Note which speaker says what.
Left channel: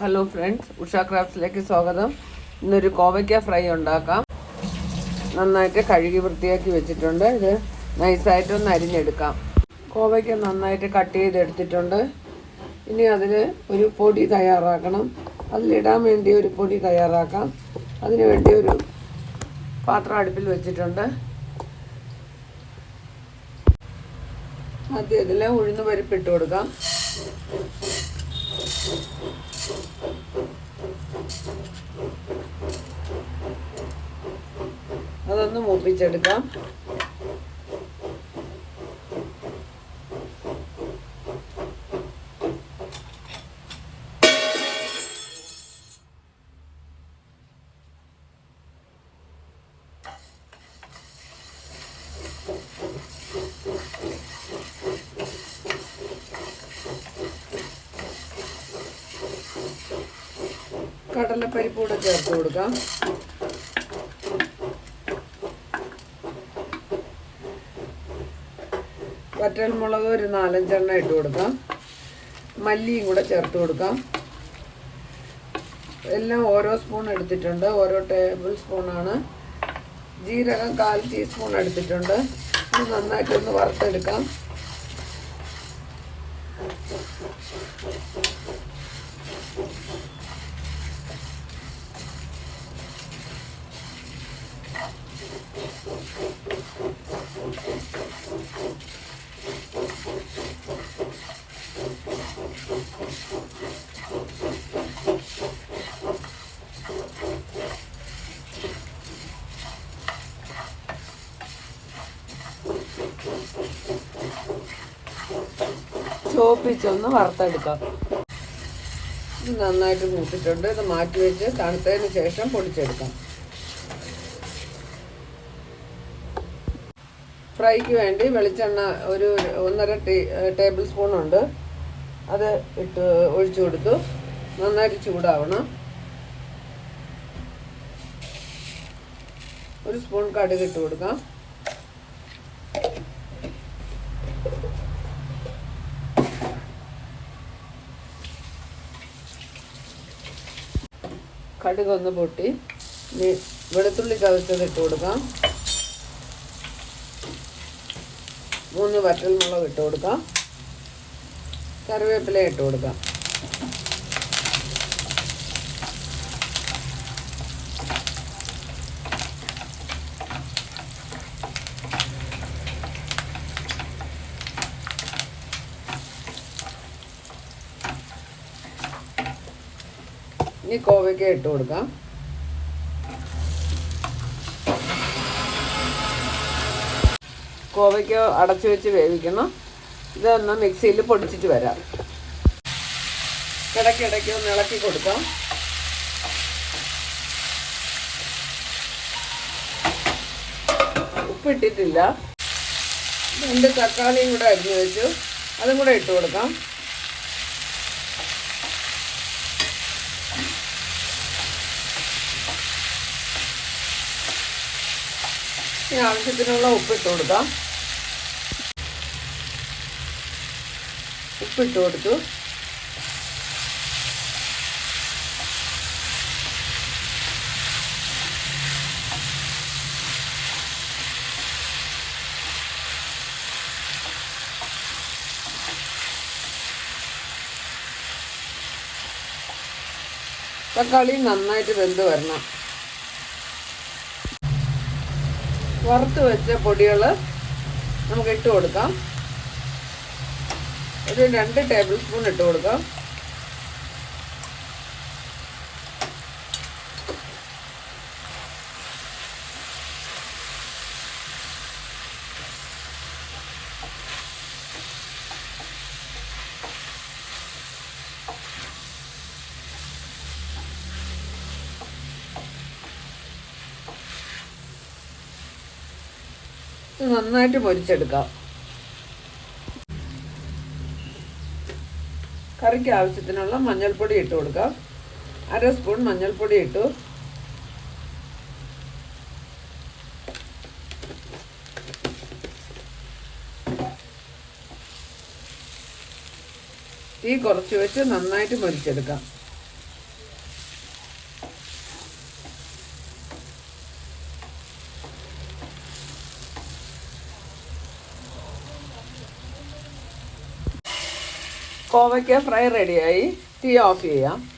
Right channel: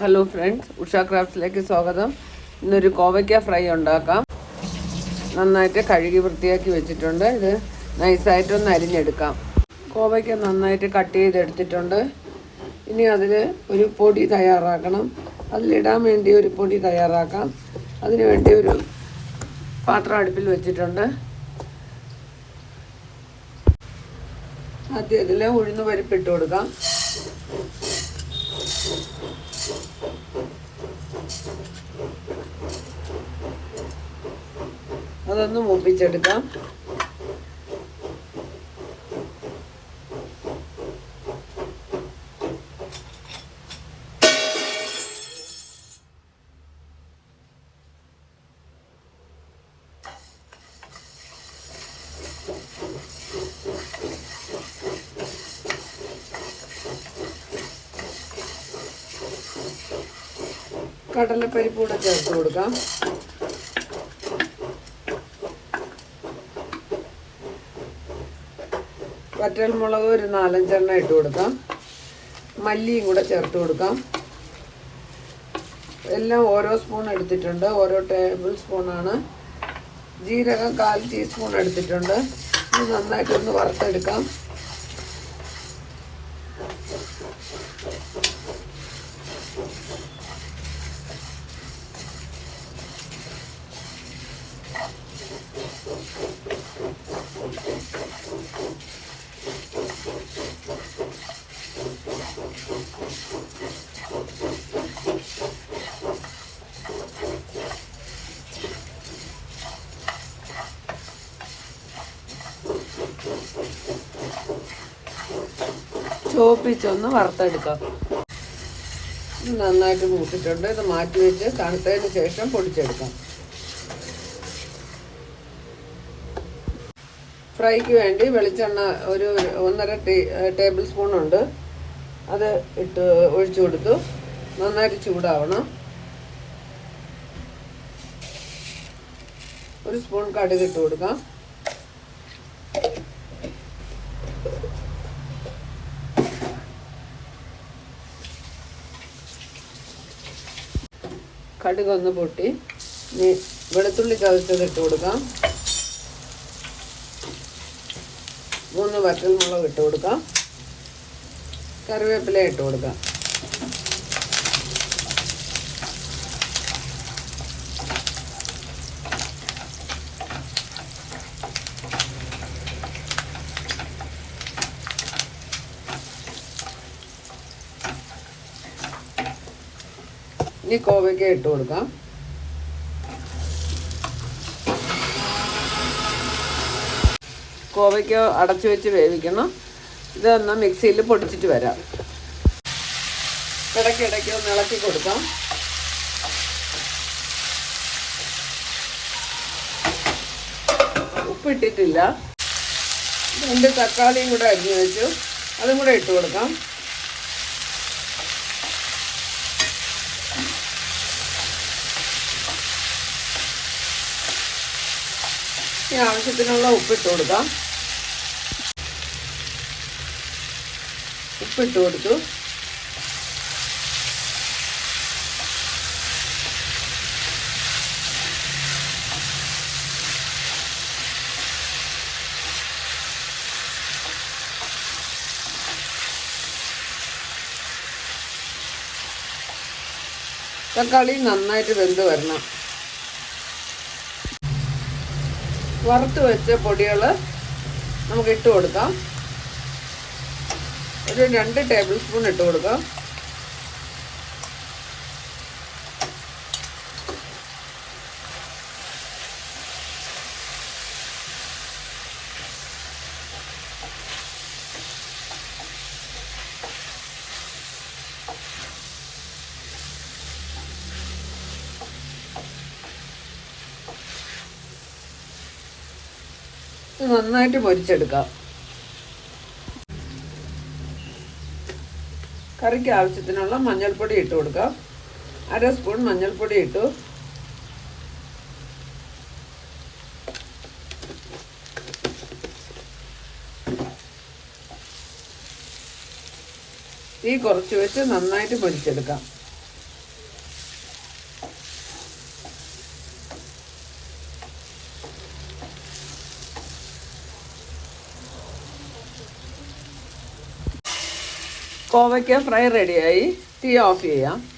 Speaker 1: Hello friends Usha ക്രാഫ്റ്റ്സിലേക്ക് സ്വാഗതം. ഇന്നൊരു കോവയ്ക്ക ഫ്രൈ ഉണ്ടാക്കാം. നന്നായിട്ട് കഴുകി വൃത്തിയാക്കി വെച്ചിട്ടുണ്ട്. ഇത് നൈസായിട്ടൊന്ന് അരിഞ്ഞെടുക്കാം. കോവയ്ക്ക നന്നായിട്ട് കട്ട് ചെയ്തെടുത്തിട്ടുണ്ട്. ഇനി അതിന് ഒരു പൊടി തയ്യാറാക്കണം. അതിലിടാൻ വേണ്ടി ഒരു പൊടി തയ്യാറാക്കാം. അതിന് വേണ്ടി ഒരു പാത്രം അടുപ്പിൽ വെച്ചിട്ടുണ്ട്. ആദ്യം ഇതിൽ ഉഴുന്ന് പരിപ്പിട്ട് കൊടുക്കാം. അതൊന്ന് മൂപ്പിച്ചെടുക്കാം. കടലപ്പരിപ്പ് കൂടെ ചേർത്ത് കൊടുക്കാം. വറ്റൽമുളക് ഒരു നാലഞ്ചെണ്ണ ഇട്ട് കൊടുക്കാം. മല്ലിയും കൂടെ ചേർത്ത് കൊടുക്കാം. എല്ലാം ഓരോ സ്പൂൺ എടുത്തിട്ടുണ്ട്. ഓരോ ടേബിൾ സ്പൂണാണ് ജീരകം കാൽ ടീസ്പൂൺ എടുത്തിട്ടുണ്ട്. ഇത് നന്നായിട്ടൊന്ന് വറുത്തെടുക്കാം. ചോപ്പിച്ചൊന്ന് വറുത്തെടുക്കാം. നന്നായിട്ട് കൂട്ടിട്ടുണ്ട് ഇത് മാറ്റി വെച്ച് തണുത്തതിന് ശേഷം പൊടിച്ചെടുക്കാം. ഫ്രൈക്ക് വേണ്ടി വെളിച്ചെണ്ണ ഒരു ഒന്നര ടീ ടേബിൾ സ്പൂൺ ഉണ്ട്. അത് ഇട്ട് ഒഴിച്ചു കൊടുത്തു. നന്നായിട്ട് ചൂടാവണം. ഒരു സ്പൂൺ കടുക് ഇട്ട് കൊടുക്കാം. കടുക് ഒന്ന് പൊട്ടി. വെളുത്തുള്ളി ചതച്ചത് ഇട്ട് കൊടുക്കാം. മൂന്ന് വറ്റൽമുളക് ഇട്ട് കൊടുക്കാം. കറിവേപ്പില ഇട്ട് കൊടുക്കാം. ഇനി കോവയ്ക്ക ഇട്ട് കൊടുക്കാം. കോവയ്ക്ക അടച്ചു വെച്ച് വേവിക്കണം. ഇതൊന്ന് മിക്സിയിൽ പൊടിച്ചിട്ട് വരാം. ഇടയ്ക്കിടയ്ക്ക് ഒന്ന് ഇളക്കി കൊടുക്കാം. ഉപ്പിട്ടിട്ടില്ല രണ്ട് തക്കാളിയും കൂടെ അരിഞ്ഞു വെച്ചു. അതും കൂടെ ഇട്ട് കൊടുക്കാം. ഇനി ആവശ്യത്തിനുള്ള ഉപ്പിട്ട് കൊടുക്കാം. ഉപ്പിട്ട് കൊടുത്തു. തക്കാളി നന്നായിട്ട് വെന്ത് വരണം. വറുത്ത് വെച്ച പൊടികൾ നമുക്ക് ഇട്ട് കൊടുക്കാം. ഒരു രണ്ട് ടേബിൾ സ്പൂൺ ഇട്ട് കൊടുക്കാം. നന്നായിട്ട് പൊരിച്ചെടുക്കാം. കറിക്ക് ആവശ്യത്തിനുള്ള മഞ്ഞൾപ്പൊടി ഇട്ട് കൊടുക്കാം. അര സ്പൂൺ മഞ്ഞൾപ്പൊടി ഇട്ടു. ഈ കുറച്ച് വെച്ച് നന്നായിട്ട് പൊരിച്ചെടുക്കാം. കോവയ്ക്ക ഫ്രൈ റെഡിയായി. തീ ഓഫ് ചെയ്യാം.